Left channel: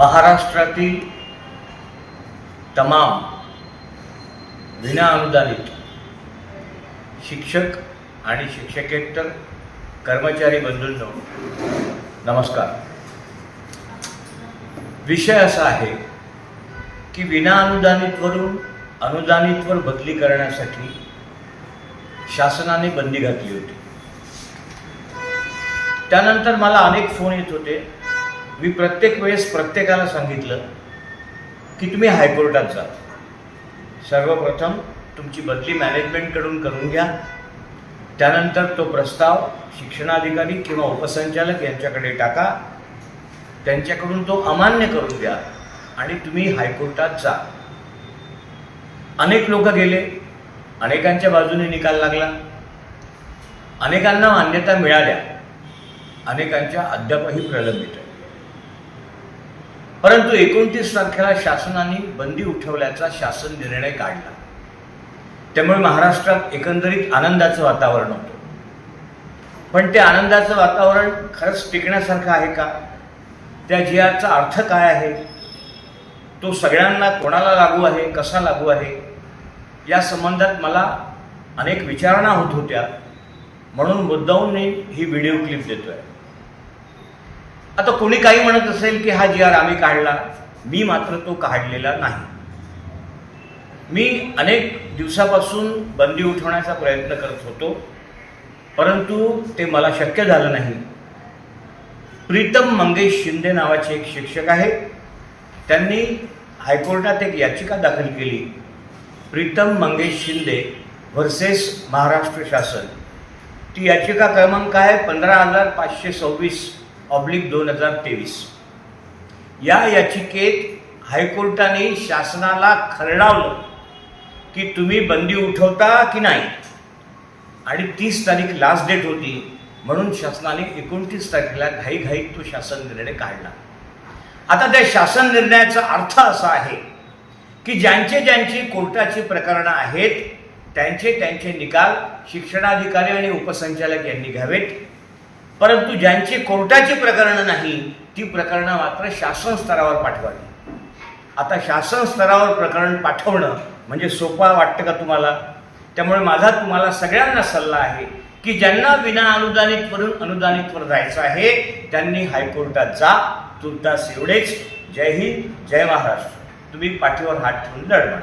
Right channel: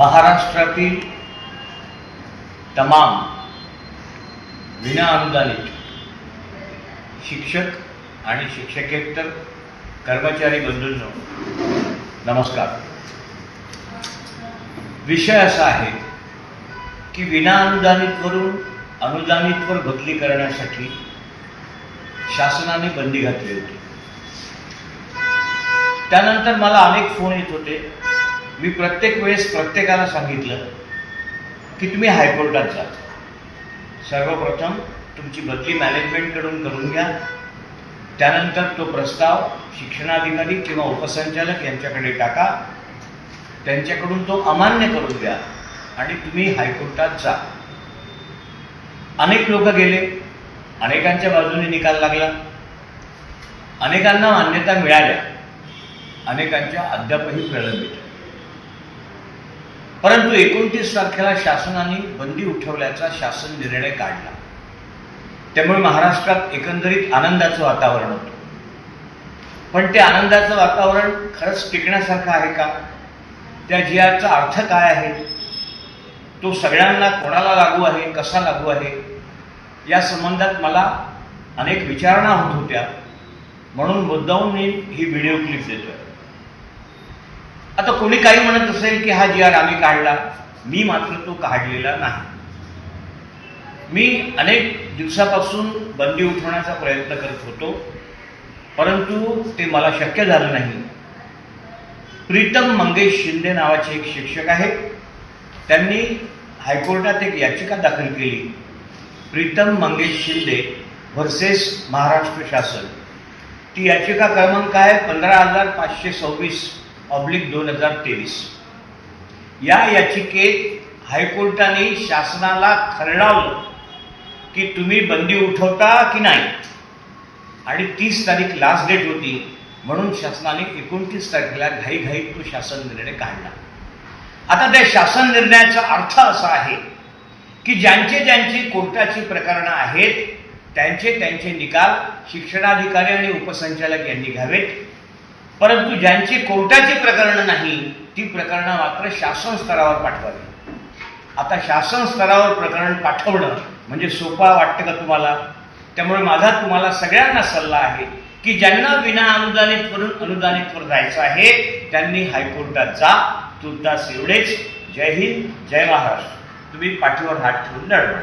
महाराष्ट्रातील तमाम विनाअनुदानित शिक्षक आणि शिक्षकेतर कर्मचारी बंधूंनो नमस्कार. विषय असा आहे की विनाअनुदानितवरून अनुदानितवर बदली करण्यासाठी शासनाने बंदी घातली होती. त्यानंतर मला अनेक फोन येत होते. मी प्रत्येक वेळेस प्रत्येकाला सांगितलं की तुम्ही हायकोर्टात जा. सर्वप्रथम तुमची बदली मॅनेजमेंटकडून करून घ्या. त्यानंतर तो प्रस्ताव शिक्षणाधिकारी किंवा उपसंचालक यांच्याकडे टाका. त्यांच्याकडून तो अमान्य करून द्या आणि तुम्ही हायकोर्टात जा. अनेक लोक गेले. अनेकांच्या बाजूने निकाल लागला. अनेकांना मान्यता मिळाल्या. अनेकांच्या अद्यापही प्रलंबित आहे परंतु एकोणतीस तारखेला शासनाने बंदी उठवल्याचा शासन निर्णय काढला. त्यामुळे महाराष्ट्रात एकंदरीत आनंदाचं वातावरण होतं. पण ते आनंदाचं वातावरण खरंच टिकण्यासारखं आहे का? त्या जी आरचा अर्थ काय आहे? तो सगळ्यांना कोणाला लागू आहे कसा लागू आहे? या संबंधात मला अनेक विचारणा होत होत्या. म्हणून मुद्दाहून मी ही व्हिडिओ क्लिप देतो आहे आता कोणी काही म्हणत असेल की हा जी आर आम्ही काढला मी मात्र तो काढलेला नाही. मी अनेक दिवसापासून बंदी उठवण्याचा प्रयत्न करत होतो परंतु ते मला शक्य झालं नाही. प्रीतम मंगेश शिंदे नावाचे एक शिक्षक आहेत. त्यांनी हायकोर्टात एक याचिका दाखल केली. प्रीतम मंगेश शिंदे व्हर्सेस महाराष्ट्र शासन. ती याचिका क्रमांक आहे पंधरा हजार पाचशे सव्वीस. ऑब्लिक दोन हजार तेवीस. या याचिकेत हायकोर्टाने शासनाला खरडावलं की तुम्ही बंदी उठवता की नाही? आणि तीस तारीख लास्ट डेट होती म्हणून शासनाने एकोणतीस तारखेला घाईघाईत तो शासन निर्णय काढला. आता त्या शासन निर्णयाचा अर्थ असा आहे की ज्यांचे ज्यांची कोर्टाची प्रकरणं आहेत त्यांचे त्यांचे निकाल शिक्षणाधिकारी आणि उपसंचालक यांनी घ्यावेत. परंतु ज्यांची कोर्टाची प्रकरणं नाही ती प्रकरणं मात्र शासन स्तरावर पाठवावी. आता शासन स्तरावर प्रकरण पाठवणं म्हणजे सोपा वाटतं का तुम्हाला? त्यामुळे माझा तुम्हाला सगळ्यांना सल्ला आहे की ज्यांना विना अनुदानितवरून अनुदानितवर जायचं आहे त्यांनी हायकोर्टात जा. तुर्तास एवढेच. जय हिंद जय महाराष्ट्र. तुम्ही पाठीवर हात ठेवून लढ